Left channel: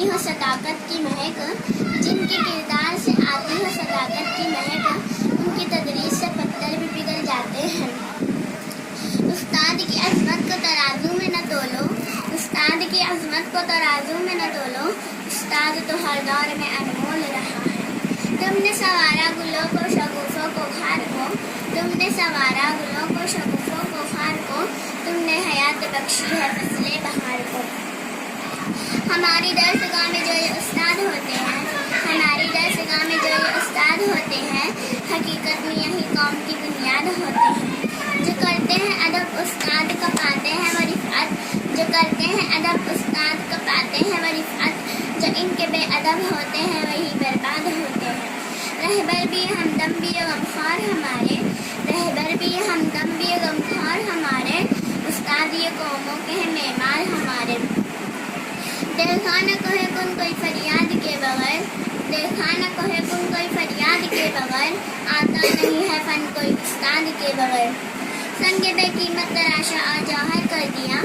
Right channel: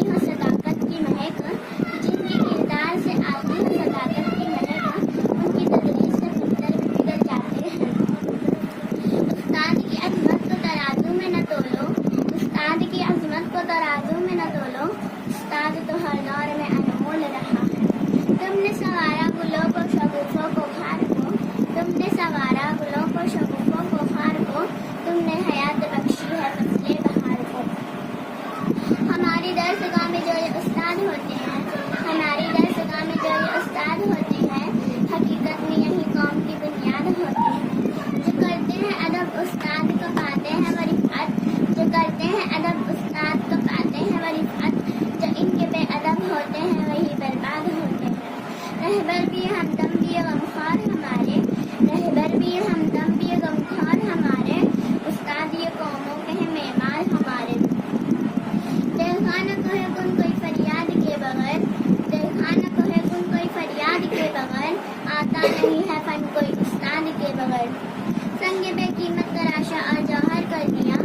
आती हो सदाकत की महक, जिनके किरदार से आती हो सदाकत की महक, उनकी तदरीस से पत्थर भी पिघल जाते हैं। उस्ताद की अजमत को तराजू में न तोलो, उस्ताद की अजमत को तराजू में न तोलो, उस्ताद तो हर दौर में अनमोल रहा है। तुमने सवारा गुलों को शगुफों को खार को, तुमने सवारा गुलों को शगुफों को खार को, तुमने हयात बख्शी है फसले बहार को। हमारी दरसगाह में जो ये उस्ताद होते हैं, हमारी दरसगाह में जो ये उस्ताद होते हैं, हकीकत में यही कौम की बुनियाद होते हैं। जो करते हैं अदब उस्ताद का पाते हैं वो रिफ़अत, जो करते हैं अदब उस्ताद का पाते हैं वो रिफ़अत, जो इनके बेअदब होते हैं वही बर्बाद होते हैं। रहबर भी हमदम भी गमख्वार हमारे, रहबर भी हमदम भी गमख्वार हमारे, उस्ताद ये कौमों के हैं मेमार हमारे। देखा न कहे कुन कोई फरियाद के बगैर, देखा न कहे कुन कोई फरियाद के बगैर, आता नहीं है फन कोई उस्ताद के बगैर। संग बेकीमत तराशा और जौहर कर दिया,